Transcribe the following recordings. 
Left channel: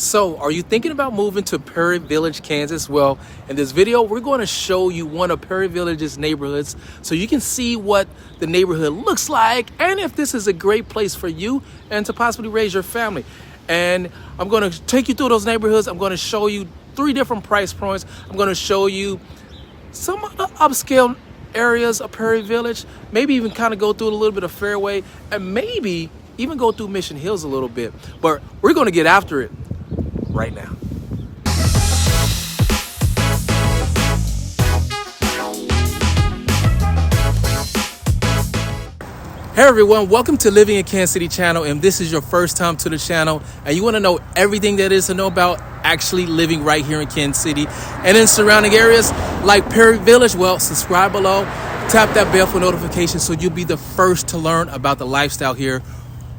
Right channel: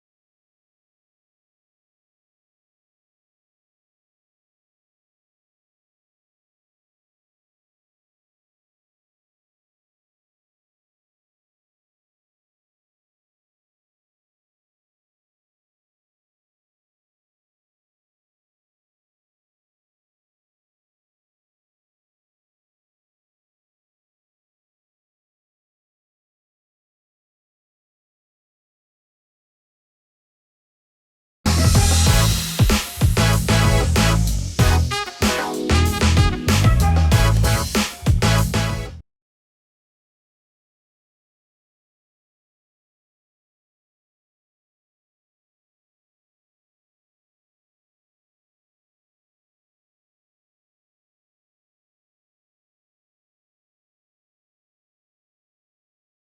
So, are you thinking about moving to Prairie Village, Kansas? Well, in this video, we're going to show you one of Prairie Village's neighborhoods so you can see what the neighborhood looks like and if this is a great place for you and to possibly raise your family. And I'm going to take you through those neighborhoods. I'm going to show you 3 different price points. I'm going to show you some of the upscale areas of Prairie Village, maybe even kind of go through a little bit of Fairway, and maybe even go through Mission Hills a little bit. But we're going to get after it right now. Hey everyone, welcome to Living in Kansas City channel, and this is your first time to the channel and you want to know everything that is to know about actually living right here in Kansas City and in surrounding areas like Prairie Village. Well, subscribe below, tap that bell for notifications so you'll be the first to learn about the lifestyle here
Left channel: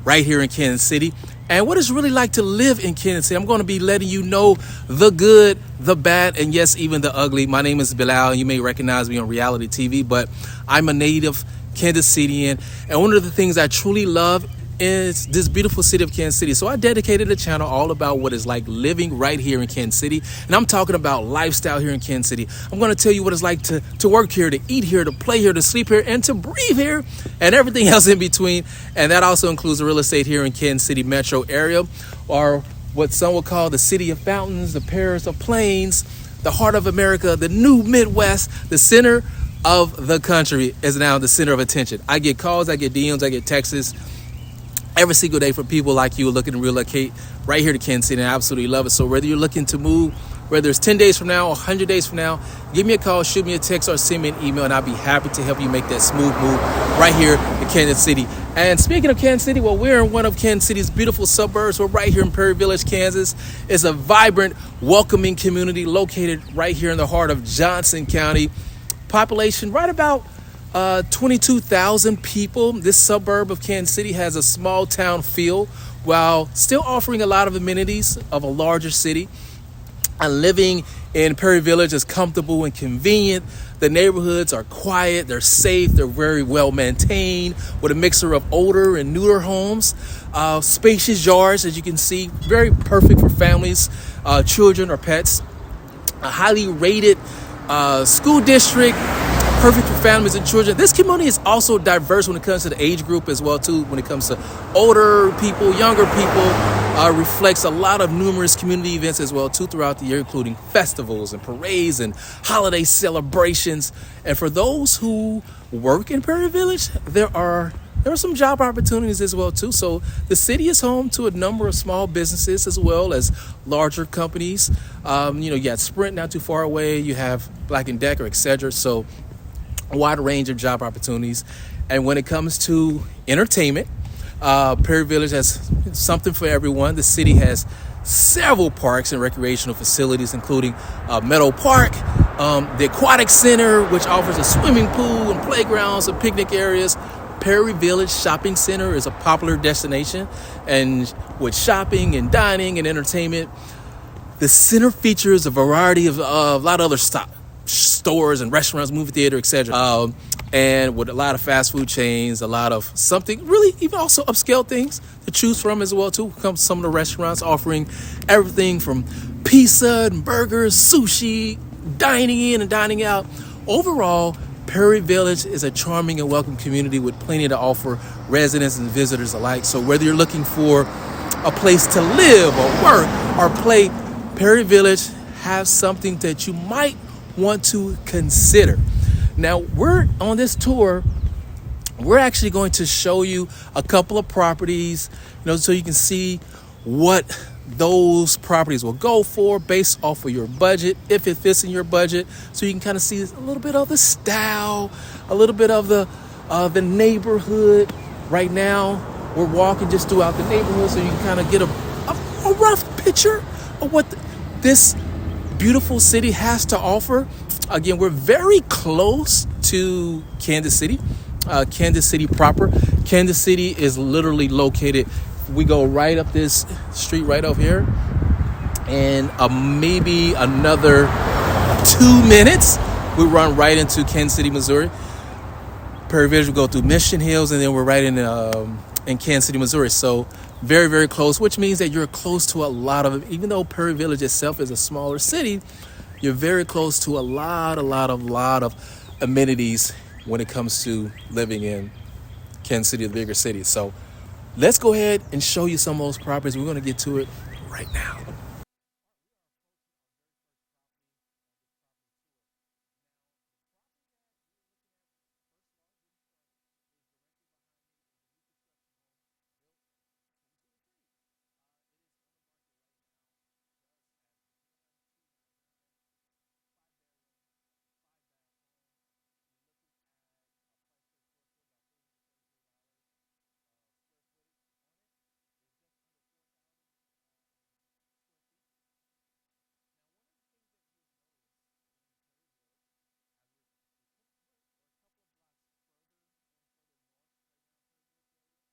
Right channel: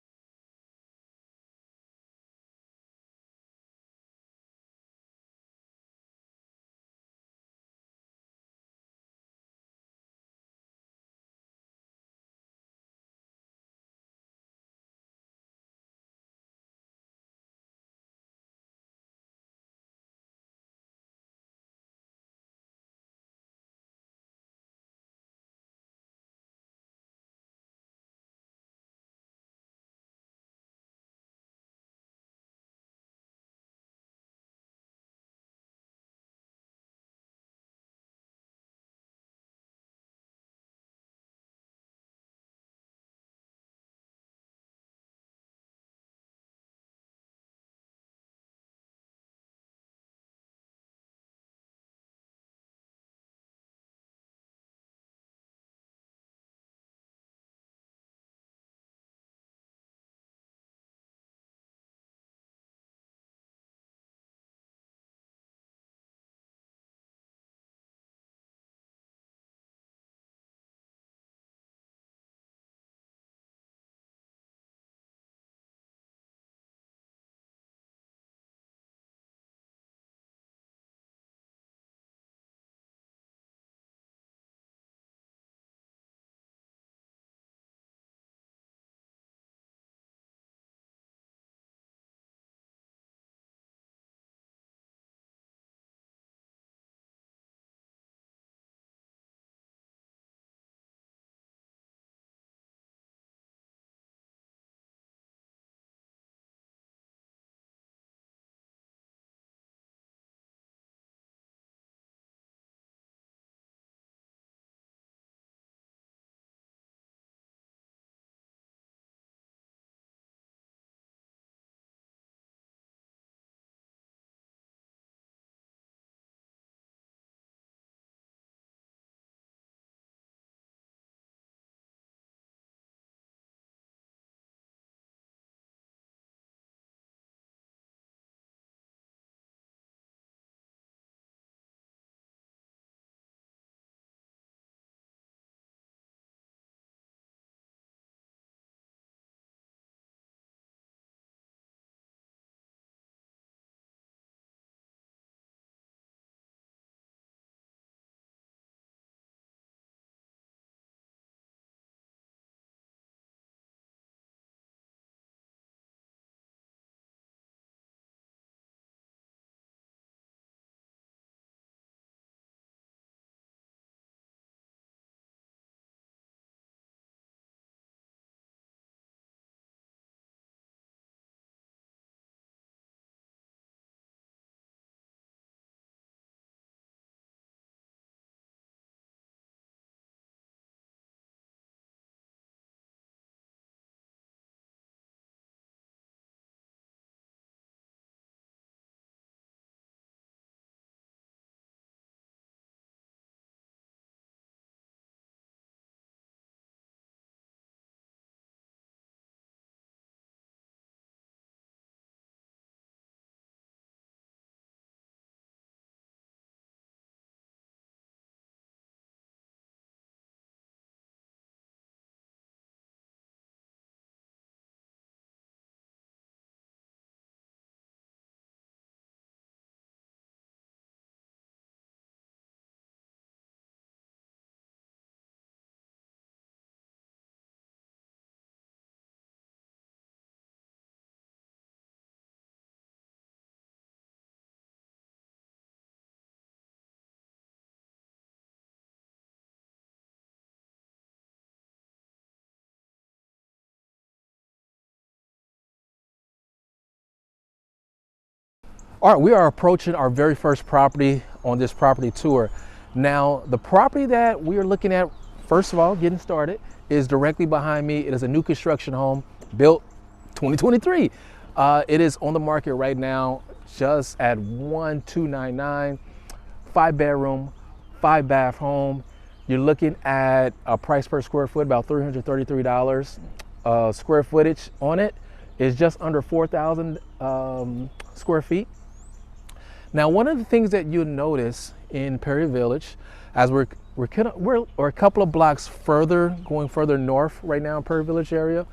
right here in Kansas City and what it's really like to live in Kansas City. I'm going to be letting you know the good, the bad, and yes, even the ugly. My name is Bilal. You may recognize me on reality TV, but I'm a native Kansas Cityan, and one of the things I truly love is this beautiful city of Kansas City. So I dedicated a channel all about what it's like living right here in Kansas City, and I'm talking about lifestyle here in Kansas City. I'm going to tell you what it's like to work here, to eat here, to play here, to sleep here, and to breathe here, and everything else in between. And that also includes the real estate here in Kansas City metro area, or what some will call the city of fountains, the Paris of plains, the heart of America, the new Midwest, the center of the country is now the center of attention. I get calls, I get DMs, I get texts every single day from people like you looking to relocate right here to Kansas City, and I absolutely love it. So whether you're looking to move, whether it's 10 days from now or 100 days from now, give me a call, shoot me a text, or send me an email, and I'll be happy to help you make that smooth move right here in Kansas City. And speaking of Kansas City, well, we're in one of Kansas City's beautiful suburbs. We're right here in Prairie Village, Kansas. It's a vibrant, welcoming community located right here in the heart of Johnson County. Population right about 22,000 people. This suburb of Kansas City has a small town feel while still offering a lot of amenities of a larger city. And living in Prairie Village is comfortable and convenient. The neighborhoods are quiet, they're safe, they're very well maintained with a mixture of older and newer homes. Spacious yards, as you can see, very perfect for families, children, or pets. A highly rated school district, perfect for families and children. This community is also diverse when it comes to the age group as well too. When it comes to older people, younger people, reflects a lot of numerous community events as well too throughout the year, including festivals and parades and holiday celebrations. And for those who work in Prairie Village, there are some job opportunities as well too. So the city is home to a number of small businesses as well as larger companies. You got Sprint not too far away. You have Black & Decker, etc. So a wide range of job opportunities. And when it comes to entertainment, Prairie Village has something for everyone. The city has several parks and recreational facilities, including Meadow Park, the Aquatic Center, which offers a swimming pool and playgrounds and picnic areas. Prairie Village Shopping Center is a popular destination, and with shopping and dining and entertainment, the center features a variety of a lot of other stores and restaurants, movie theater, etc. And with a lot of fast food chains, a lot of something really even also upscale things to choose from as well too. Comes some of the restaurants offering everything from pizza and burgers, sushi, dining in and dining out. Overall, Prairie Village is a charming and welcome community with plenty to offer residents and visitors alike. So whether you're looking for a place to live or work or play, Prairie Village has something that you might want to consider. Now, we're on this tour. We're actually going to show you a couple of properties, so you can see what those properties will go for based off of your budget, if it fits in your budget, so you can kind of see a little bit of the style, a little bit of the neighborhood. Right now, we're walking just throughout the neighborhood, so you can kind of get a rough picture of what this beautiful city has to offer. Again, we're very close to Kansas City, Kansas City proper. Kansas City is literally located. We go right up this street right over here, and maybe another 2 minutes, we run right into Kansas City, Missouri. Prairie Village will go through Mission Hills, and then we're right in Kansas City, Missouri. So very, very close, which means that you're close to a lot of, even though Prairie Village itself is a smaller city, you're very close to a lot of amenities when it comes to living in Kansas City, the bigger city. So let's go ahead and show you some of those properties. We're going to get to it right now. All right, we are approaching our very first property on this property tour. Now, the property that we are looking at, first of all, getting started, is directly behind me. It is a new construction home built 2023. It is on the market right now just at 1,299, 5-bedroom, 5-bath home. You're looking at a price per square foot about $333. Square footage on it is just under 4,000 square feet. Now, one of the things that you'll notice in Prairie Village, as we're a couple of blocks further, going further north right now in Prairie Village area,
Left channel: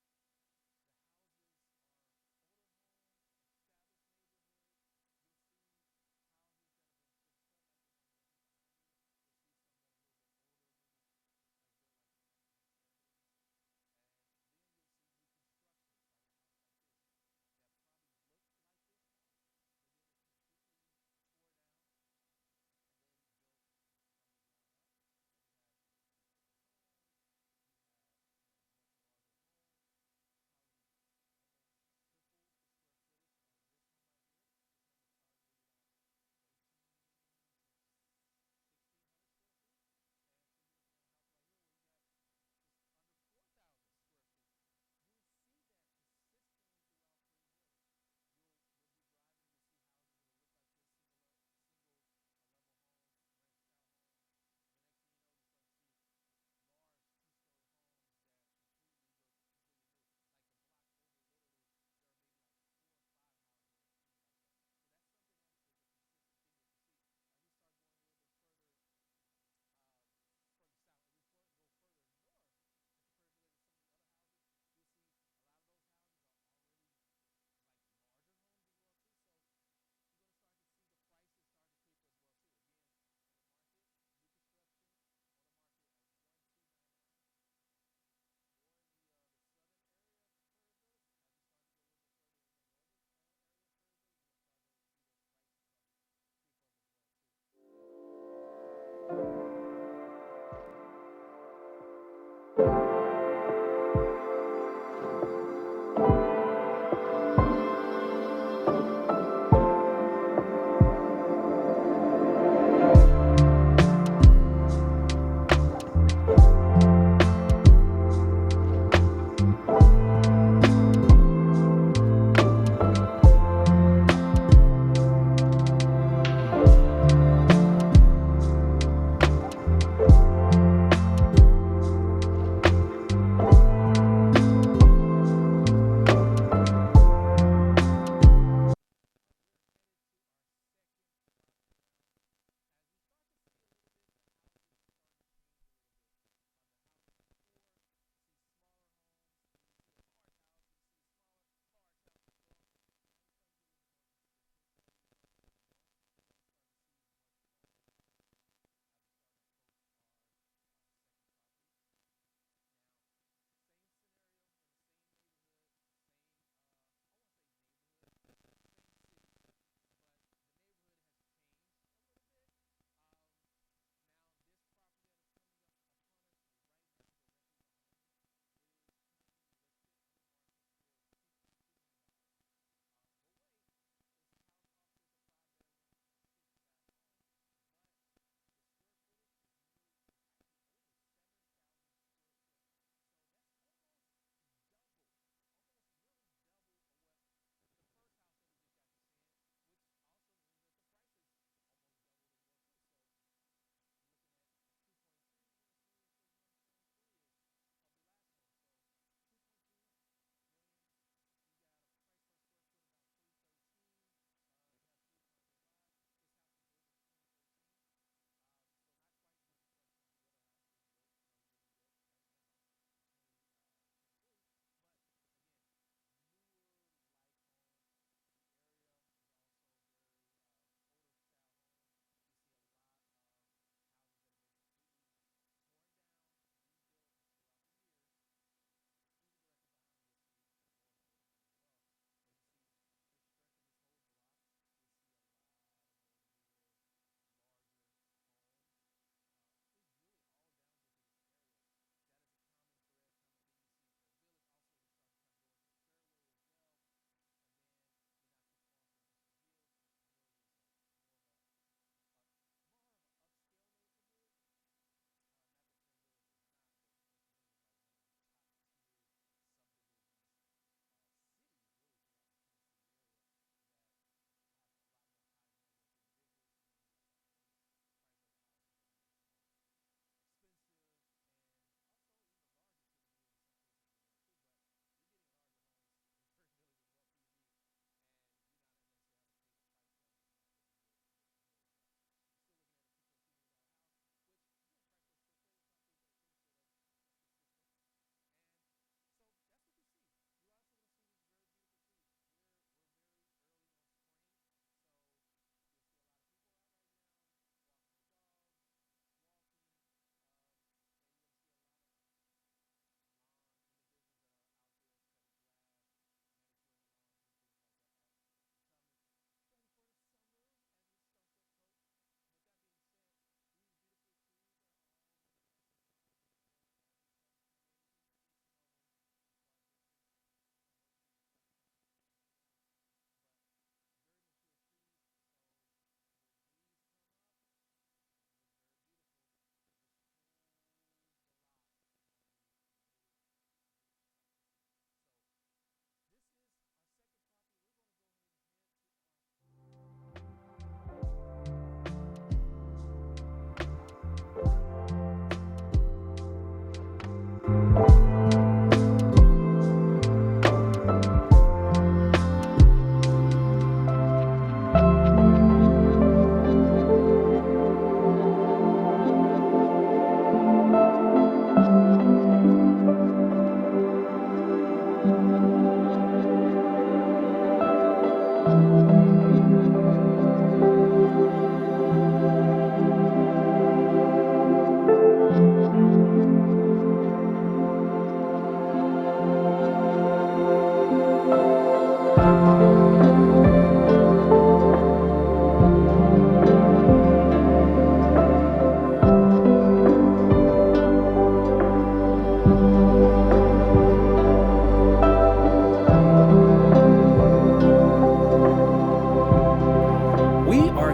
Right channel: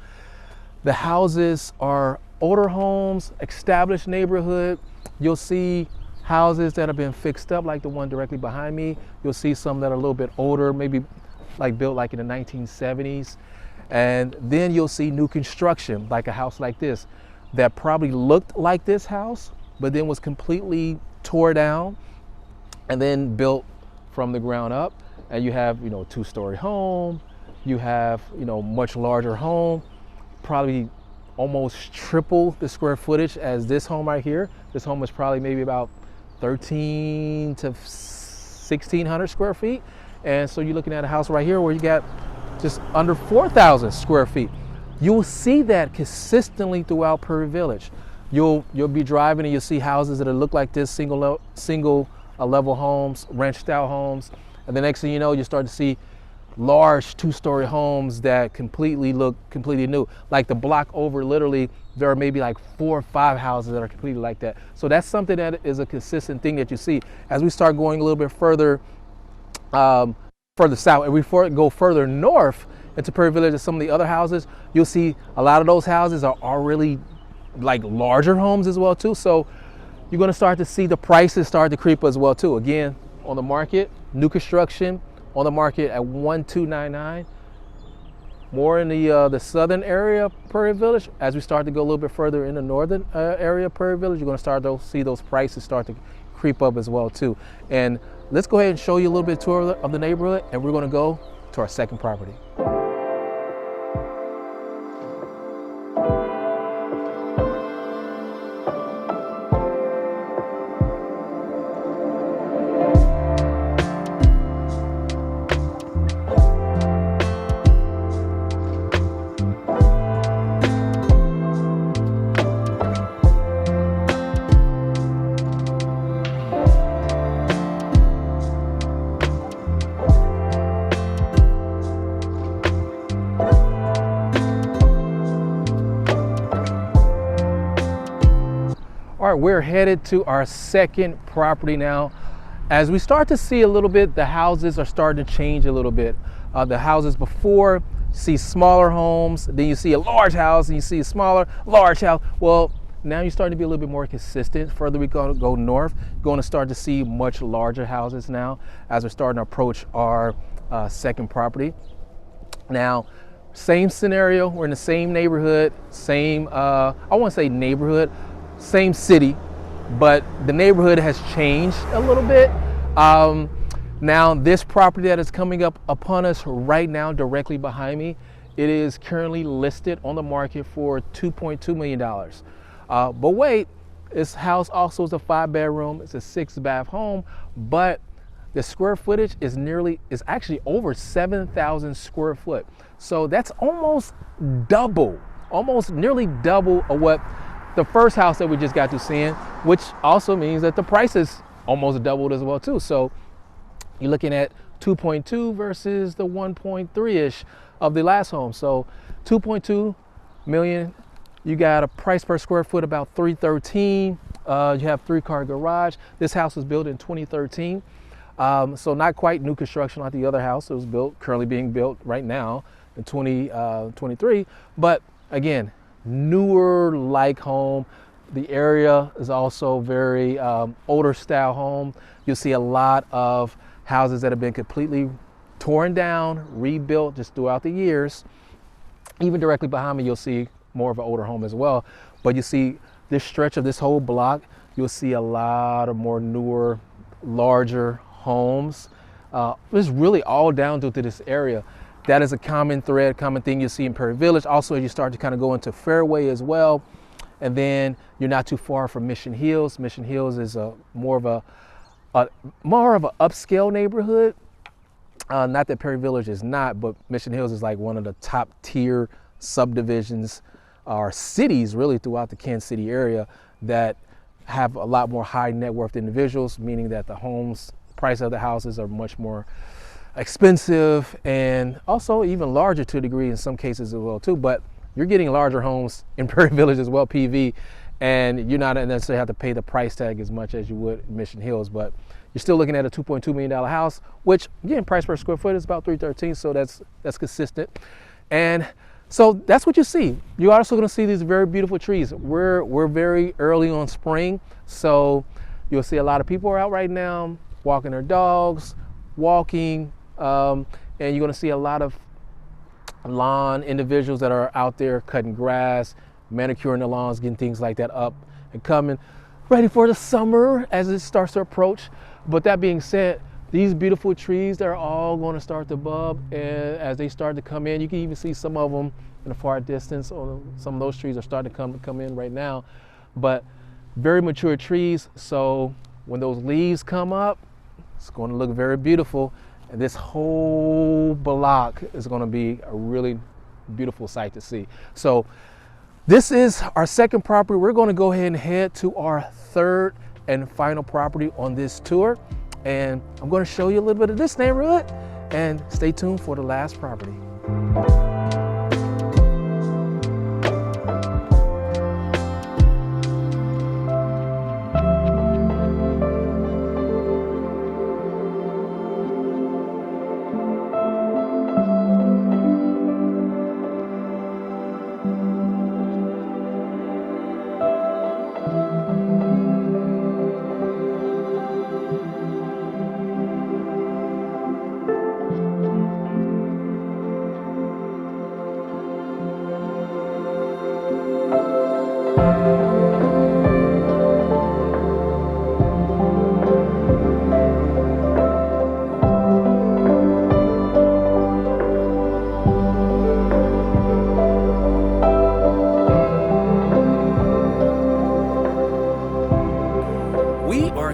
the houses are older homes, established neighborhood. You'll see houses that have been fixed up, like the one directly behind me. You'll see some that are a little bit older, maybe like built like in the 1970s. And then you'll see new construction, like a house like this, that probably looked like this house, but then was completely tore down and then built from the ground up. And you have, a 2-story home. You have, much larger home, probably almost triple the square footage as this home right here. This home is probably maybe about 1,300 to 1,600 square feet. And so you're looking at a house right here where you got just under 4,000 square feet. You'll see that consistently throughout Prairie Village. You'll be driving and you'll see houses that look like this, single level homes, ranch style homes. And the next thing you know, you start to see large 2-story homes that look completely new. Like the block over, literally, there are maybe like 4 or 5 houses that are completely like that. So that's something that is a consistent thing that you see. As we start going a little bit further south, and we go further north into Prairie Village and some of the other houses, you'll see a lot of those houses are really like larger homes as well too. So you're going to start to see the prices start to creep as well too. Again, on the market, new construction on the market at 1,299. More in the southern area of Prairie Village. As we start to go a little bit further in the northern area of Prairie Village, you're going to start to see those prices start to creep up as well too. And let's go ahead and show you a little bit tour of the neighborhood, and we're going to go to our second property. All right, we're headed to our second property now. As we start to see a little bit, the houses are starting to change a little bit. The houses before, see smaller homes, then you see a large house, and you see a smaller, large house. Well, now you're starting to be a little bit more consistent. Further we go north, you're going to start to see much larger houses now as we're starting to approach our second property. Now, same scenario, we're in the same neighborhood, I won't say neighborhood, same city, but the neighborhood has changed a little bit. Now, this property that is coming up upon us right now, directly behind me, it is currently listed on the market for $2.2 million. But wait, this house also is a 5-bedroom, it's a 6-bath home, but the square footage is actually over 7,000 square foot. So that's almost nearly double of what the first house that we just got to seeing, which also means that the price is almost doubled as well too. So you're looking at 2.2 versus the 1.3-ish of the last home. So 2.2 million, you got a price per square foot about $313. You have 3-car garage. This house was built in 2013. So not quite new construction like the other house. It was currently being built right now in 2023. But again, newer like home. The area is also very older style home. You'll see a lot of houses that have been completely torn down, rebuilt just throughout the years. Even directly behind me, you'll see more of an older home as well. But you see this stretch of this whole block, you'll see a lot of more newer, larger homes. It's really all down to this area. That is a common thread, common thing you see in Prairie Village. Also, as you start to kind of go into Fairway as well, and then you're not too far from Mission Hills. Mission Hills is more of an upscale neighborhood. Not that Prairie Village is not, but Mission Hills is like one of the top tier subdivisions or cities really throughout the Kansas City area that have a lot more high net worth individuals, meaning that the homes, price of the houses are much more expensive and also even larger to a degree in some cases as well too. But you're getting larger homes in Prairie Village as well, PV, and you're not necessarily have to pay the price tag as much as you would in Mission Hills, but you're still looking at a $2.2 million house, which again, price per square foot is about $313, so that's consistent. And so that's what you see. You're also gonna see these very beautiful trees. We're very early on spring, so you'll see a lot of people are out right now walking their dogs, walking, and you're gonna see a lot of lawn individuals that are out there cutting grass, manicuring the lawns, getting things like that up and coming, ready for the summer as it starts to approach. But that being said, these beautiful trees, they're all going to start to bud, and as they start to come in, you can even see some of them in the far distance, or some of those trees are starting to come in right now. But very mature trees, so when those leaves come up, it's going to look very beautiful. And this whole block is going to be a really beautiful sight to see. So this is our second property. We're going to go ahead and head to our third and final property on this tour. And I'm going to show you a little bit of this neighborhood, and stay tuned for the last property.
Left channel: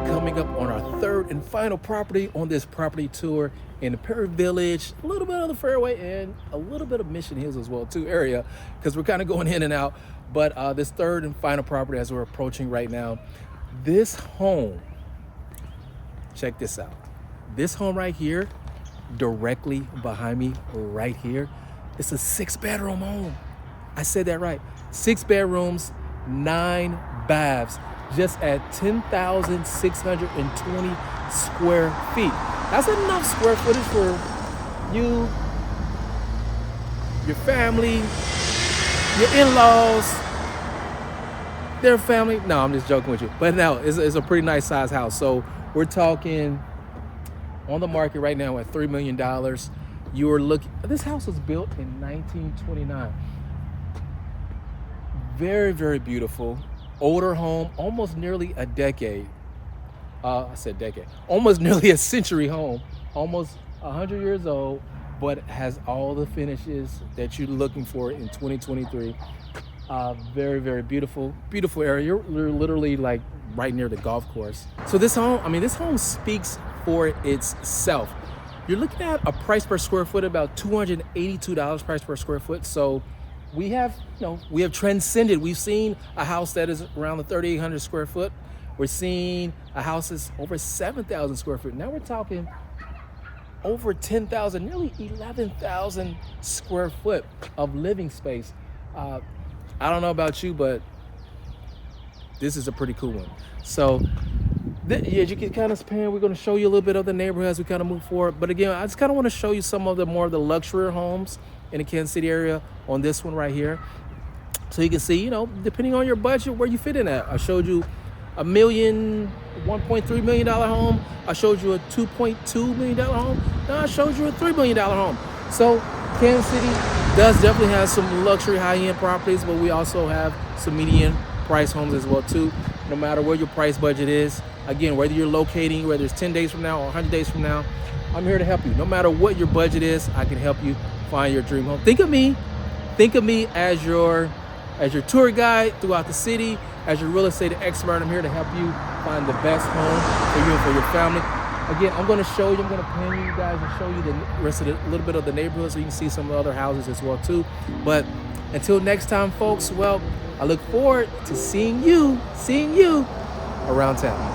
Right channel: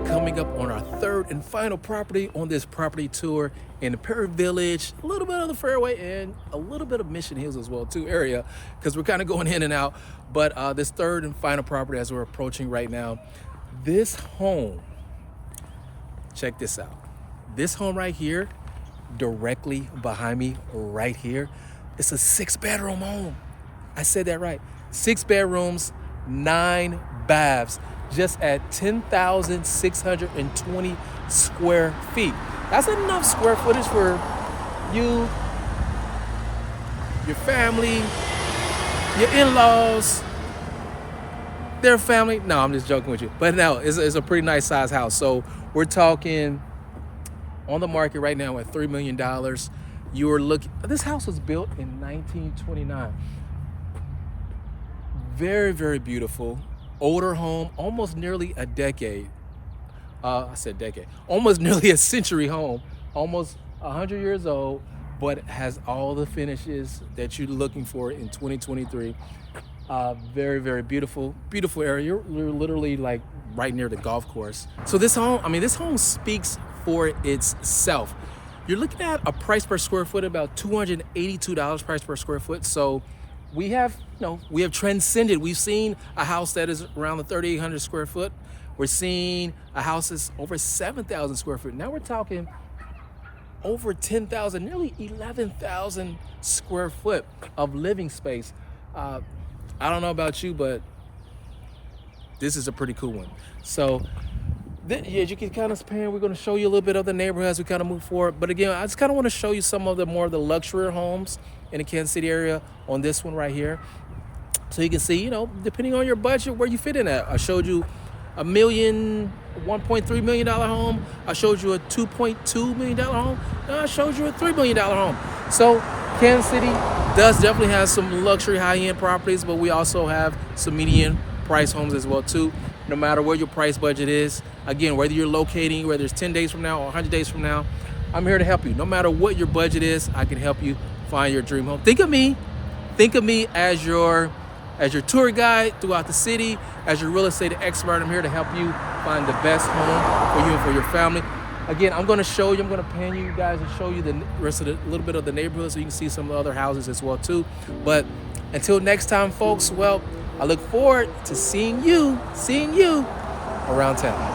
Coming up on our third and final property on this property tour in the Prairie Village, a little bit of the Fairway and a little bit of Mission Hills as well too area, because we're kind of going in and out. But this third and final property as we're approaching right now, this home, check this out. This home right here, directly behind me right here, it's a 6-bedroom home. I said that right. 6 bedrooms, 9 baths, just at 10,620 square feet. That's enough square footage for you, your family, your in-laws, their family. No, I'm just joking with you. But no, it's a pretty nice size house. So we're talking on the market right now at $3 million. You're looking, this house was built in 1929. Very, very beautiful. Older home, almost nearly a decade. I said decade. Almost nearly a century home, almost 100 years old, but has all the finishes that you're looking for in 2023. Very, very beautiful, beautiful area. You're literally like right near the golf course. So this home, this home speaks for itself. You're looking at a price per square foot about $282 price per square foot. So we have transcended. We've seen a house that is around the 3,800 square foot. We're seeing a house that's over 7,000 square foot. Now we're talking over 10,000, nearly 11,000 square foot of living space. I don't know about you, but this is a pretty cool one. So yeah, you can kind of span. We're going to show you a little bit of the neighborhood as we kind of move forward. But again, I just kind of want to show you some of the more of the luxury homes in the Kansas City area on this one right here. So you can see, depending on your budget, where you fit in at. I showed you $1.3 million home. I showed you a $2.2 million home. Now I showed you a $3 million home. So Kansas City does definitely have some luxury high-end properties, but we also have some median price homes as well too. No matter where your price budget is, again, whether you're locating, whether it's 10 days from now or 100 days from now, I'm here to help you. No matter what your budget is, I can help you find your dream home. Think of me as your tour guide throughout the city, as your real estate expert. I'm here to help you find the best home for you and for your family. Again, I'm going to show you, I'm going to pan you guys and show you the rest of a little bit of the neighborhood so you can see some of the other houses as well too. But until next time, folks, well, I look forward to seeing you around town.